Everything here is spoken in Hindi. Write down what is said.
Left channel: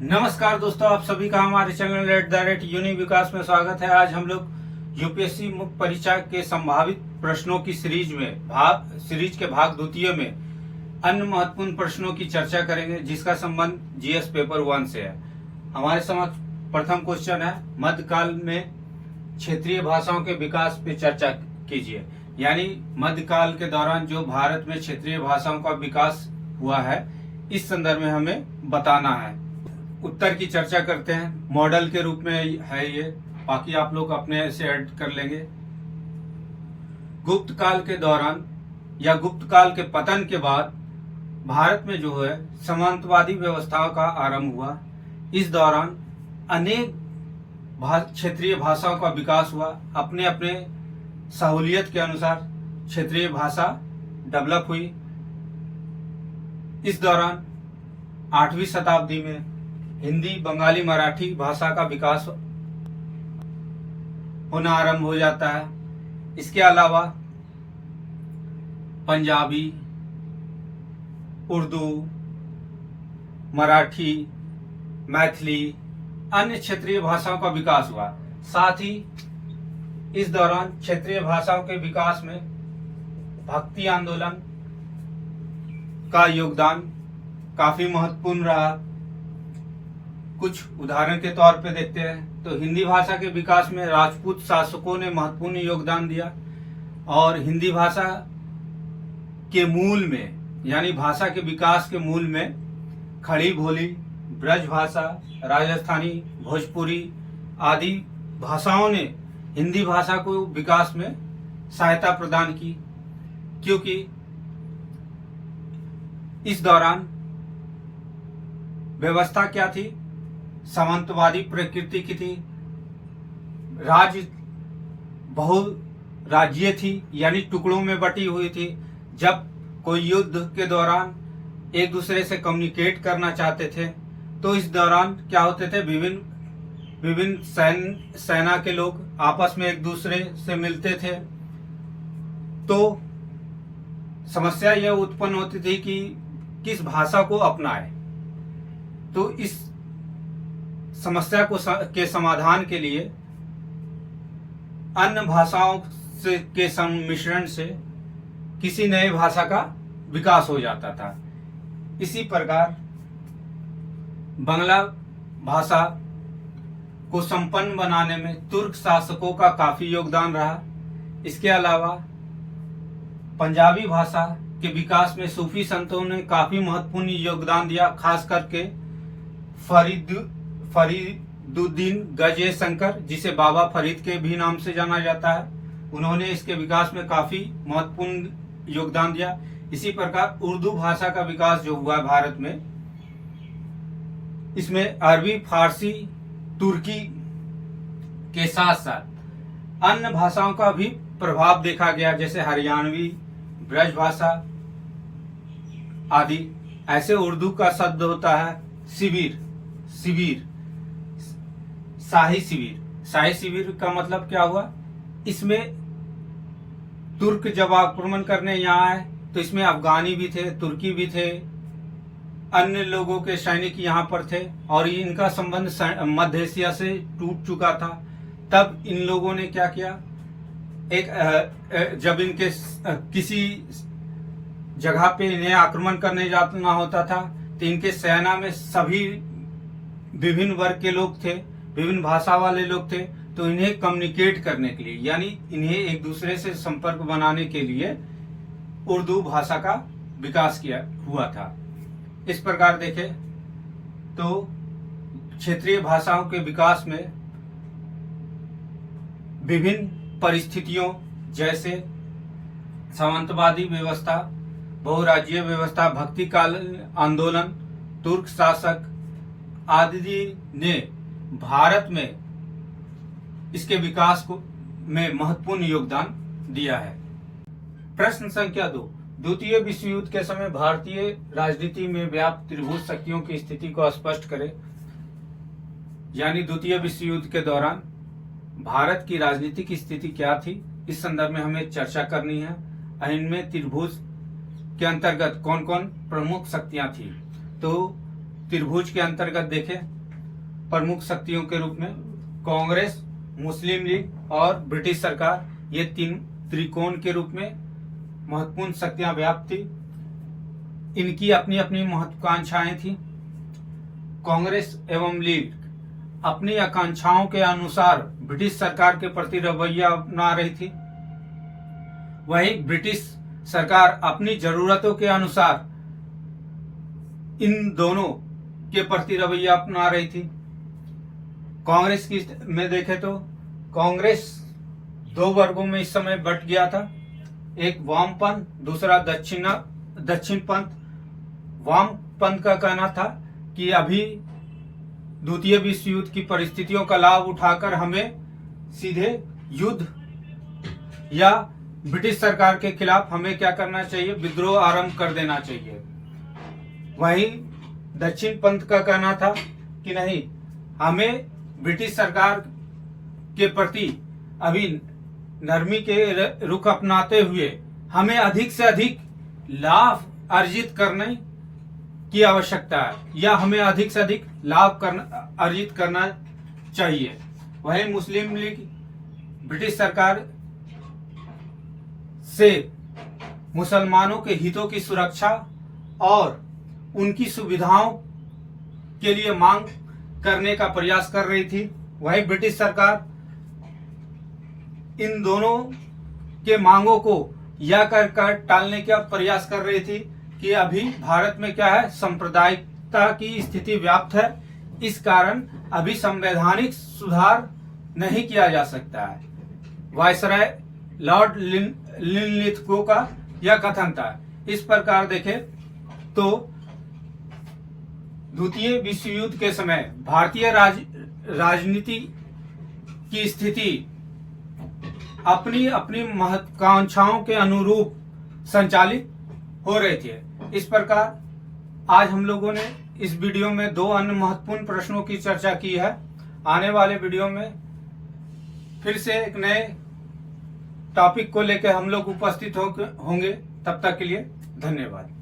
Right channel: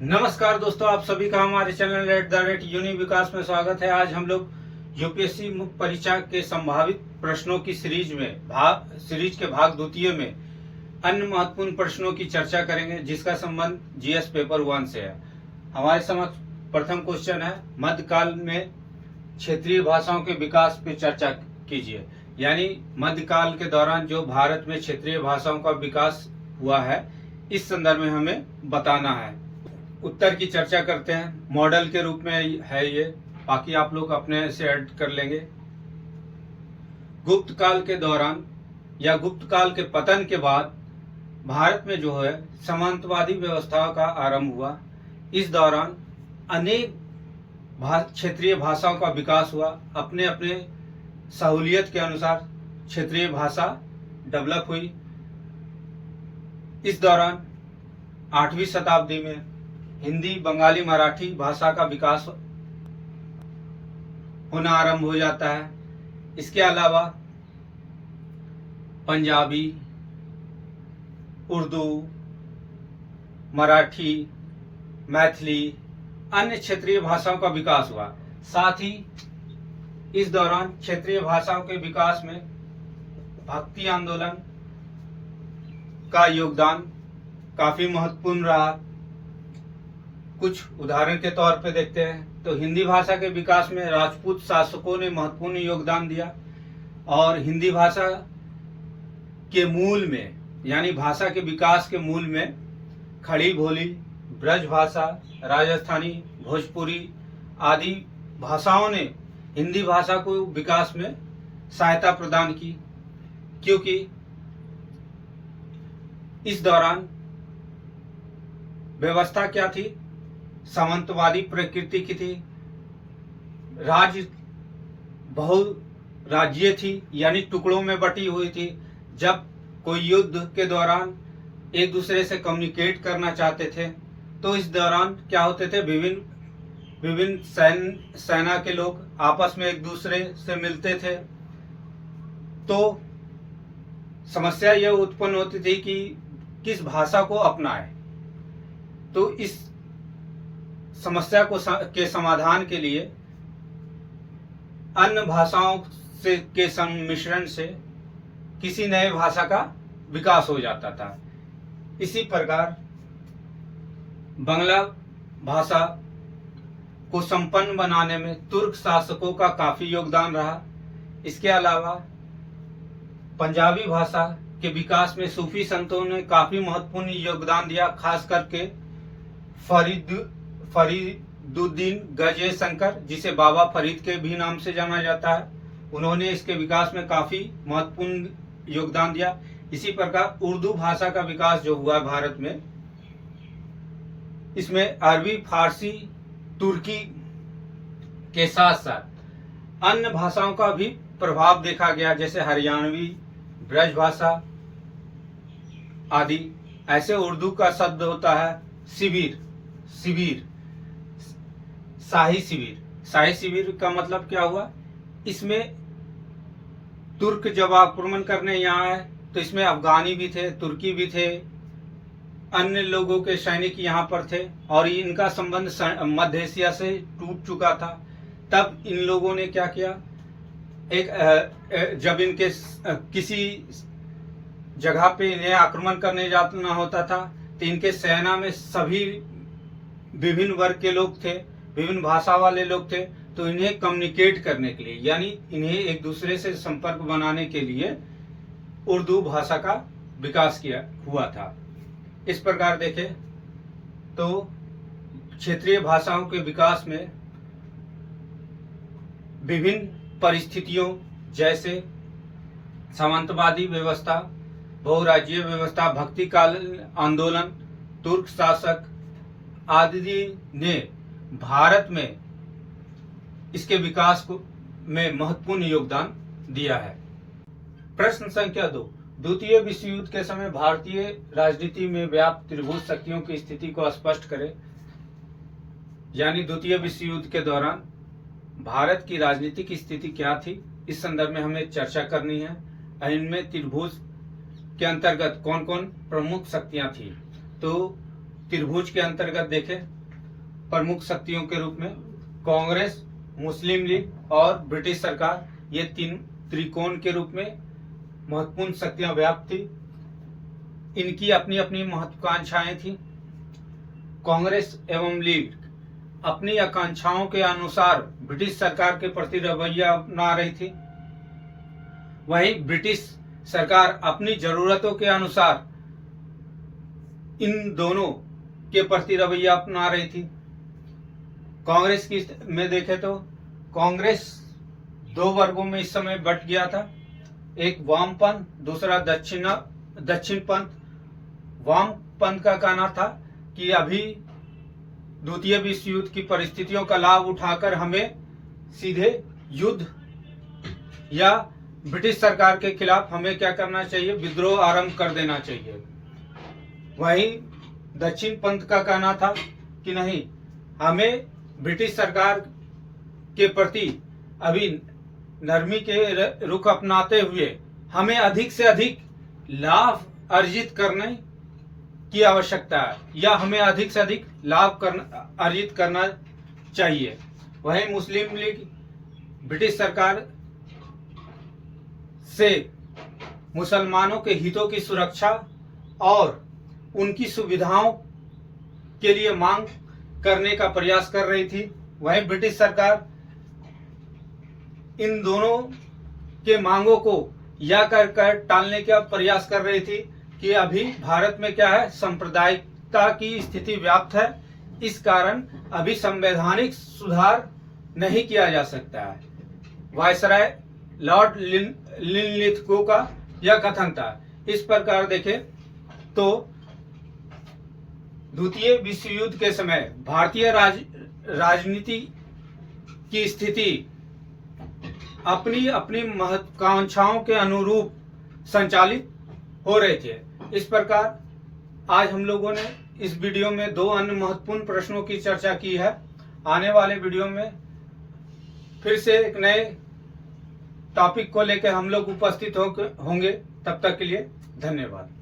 नमस्कार दोस्तों, आप सभी का हमारे चैनल रेड द रेट यूनि विकास में स्वागत है। आज हम लोग यूपीएससी मुख्य परीक्षा के संभावित प्रश्नों की सीरीज के भाग द्वितीय में अन्य महत्वपूर्ण प्रश्नों की चर्चा करेंगे, जिसका संबंध जीएस पेपर 1 से है। हमारे समक्ष प्रथम क्वेश्चन है, मध्यकाल में क्षेत्रीय भाषाओं के विकास पे चर्चा कीजिए। यानी मध्यकाल के दौरान जो भारत में क्षेत्रीय भाषाओं का विकास हुआ है, इस संदर्भ में हमें बताना है। उत्तर की चर्चा करते हैं। मॉडल के रूप में है ये, बाकी आप लोग अपने से ऐड कर लेंगे। गुप्त काल के दौरान या गुप्त काल के पतन के बाद भारत में जो है सामंतवादी व्यवस्थाओं का आरंभ हुआ। इस दौरान अनेक क्षेत्रीय भाषाओं का विकास हुआ। अपने अपने सहूलियत के अनुसार क्षेत्रीय भाषा डेवलप हुई। इस दौरान 8वीं शताब्दी में हिंदी, बंगाली, मराठी भाषा का विकास होना आरंभ हो जाता है। इसके अलावा पंजाबी, उर्दू, मराठी, मैथिली, अन्य क्षेत्रीय भाषाओं का विकास हुआ। साथ ही इस दौरान क्षेत्रीय भाषाओं के विकास में भक्ति आंदोलन का योगदान काफी महत्वपूर्ण रहा। कुछ उदाहरण के तौर पे देखते हैं तो हिंदी भाषा के विकास में राजपूत शासकों ने महत्वपूर्ण योगदान दिया और हिंदी भाषा के मूल में, यानी भाषा के विकास के मूल में खड़ी बोली, ब्रज भाषा, राजस्थानी, भोजपुरी आदि भाषाओं ने हिंदी भाषा को विकास में सहायता प्रदान की, क्योंकि इस दौरान व्यवस्था क्या थी, सामंतवादी प्रकृति की थी। राज्य बहुराज्यीय थी, यानी टुकड़ों में बटी हुई थी। जब कोई युद्ध के दौरान एक दूसरे से कम्युनिकेट करना चाहते थे तो इस दौरान क्या होते थे, विभिन्न सेना के लोग आपस में एक दूसरे से मिलते थे। तो समस्या यह उत्पन्न होती थी कि किस भाषा को अपनाए। तो इस समस्या के समाधान के लिए अन्य भाषाओं के सम्मिश्रण से किसी नए भाषा का विकास हो जाता था। इसी प्रकार बांग्ला भाषा को संपन्न बनाने में तुर्क शासकों का काफी योगदान रहा। इसके अलावा पंजाबी भाषा के विकास में सूफी संतों ने काफी महत्वपूर्ण योगदान दिया। खास करके फरीदुद्दीन गजे शंकर, जिसे बाबा फरीद के भी नाम से जाना जाता है, उन्होंने इसके विकास में काफी महत्वपूर्ण योगदान दिया। इसी प्रकार उर्दू भाषा का विकास जो हुआ भारत में, इसमें अरबी, फारसी, तुर्की के साथ साथ अन्य भाषाओं का भी प्रभाव देखा गया, जैसे हरियाणवी, ब्रज भाषा आदि। ऐसे उर्दू का शब्द होता है शिविर, शाही शिविर। शाही शिविर का मतलब क्या हुआ, इसमें तुर्क जब आक्रमण करने यहाँ आए तो इसमें अफगानी भी थे, तुर्की भी थे, अन्य लोगों के सैनिक यहाँ पर थे और इनका संबंध मध्य एशिया से टूट चुका था। तब इन लोगों ने क्या किया, जब इनके किसी जगह पे इन्हें आक्रमण करने जाना होता था तो इनके सेना में सभी विभिन्न वर्ग के लोग थे, विभिन्न भाषा वाले लोग थे। तो इन्हें कम्युनिकेट करने के लिए, यानी इन्हें एक दूसरे से संपर्क बनाने के लिए उर्दू भाषा का विकास हुआ था। इस प्रकार देखें तो क्षेत्रीय भाषाओं के विकास में विभिन्न परिस्थितियों, जैसे सामंतवादी व्यवस्था, बहुराज्यीय व्यवस्था, भक्ति काल आंदोलन, तुर्क शासक आदि ने भारत में इसके विकास में महत्वपूर्ण योगदान दिया है। प्रश्न संख्या 2, द्वितीय विश्व युद्ध के समय भारतीय राजनीति में व्याप्त त्रिभुज शक्तियों की स्थिति को स्पष्ट करें। यानी द्वितीय विश्व युद्ध के दौरान भारत की राजनीतिक स्थिति क्या थी, इस संदर्भ में हमें चर्चा करनी है। इनमें त्रिभुज के अंतर्गत कौन कौन प्रमुख शक्तियां थी। तो त्रिभुज के अंतर्गत देखें प्रमुख शक्तियों के रूप में कांग्रेस, मुस्लिम लीग और ब्रिटिश सरकार, ये तीन त्रिकोण के रूप में महत्वपूर्ण शक्तियां व्याप्त थी। इनकी अपनी अपनी महत्वाकांक्षाएं थी। कांग्रेस एवं लीग अपनी आकांक्षाओं के अनुसार ब्रिटिश सरकार के प्रति रवैया अपना रही थी, वहीं ब्रिटिश सरकार अपनी जरूरतों के अनुसार इन दोनों के प्रति रवैया अपना रही थी। कांग्रेस की में देखें तो कांग्रेस दो वर्गों में इस समय बट गया था, एक वामपंथ, दूसरा दक्षिणपंथ। वामपंथ का कहना था कि अभी द्वितीय विश्व युद्ध की परिस्थितियों का लाभ उठाकर हमें सीधे युद्ध या ब्रिटिश सरकार के खिलाफ हमें क्या करना चाहिए, विद्रोह आरंभ कर देना चाहिए। वहीं दक्षिण पंथ का कहना था कि नहीं, हमें ब्रिटिश सरकार के प्रति अभी नरमी के रुख अपनाते हुए हमें अधिक से अधिक लाभ अर्जित करने की आवश्यकता है, या हमें अधिक से अधिक लाभ अर्जित करना चाहिए। वहीं मुस्लिम लीग ब्रिटिश सरकार से मुसलमानों के हितों की सुरक्षा और उनकी सुविधाओं के लिए मांग करने का प्रयास कर रही थी। वहीं ब्रिटिश सरकार इन दोनों के मांगों को या कर टालने का प्रयास कर रही थी कि अभी भारत में क्या है, सांप्रदायिकता की स्थिति व्याप्त है, इस कारण अभी संवैधानिक सुधार नहीं किया जा सकता है। वायसराय लॉर्ड लिनलिथगो का यह कथन था। इस प्रकार देखें तो द्वितीय विश्व युद्ध के समय भारतीय राजनीति की स्थिति अपनी अपनी महत्वाकांक्षाओं के अनुरूप संचालित हो रहे थे। इस प्रकार आज हम लोगों ने इस वीडियो में दो अन्य महत्वपूर्ण प्रश्नों की चर्चा की है। आने वाले वीडियो में फिर से एक नए टॉपिक को लेकर हम लोग उपस्थित होंगे। तब तक के लिए धन्यवाद।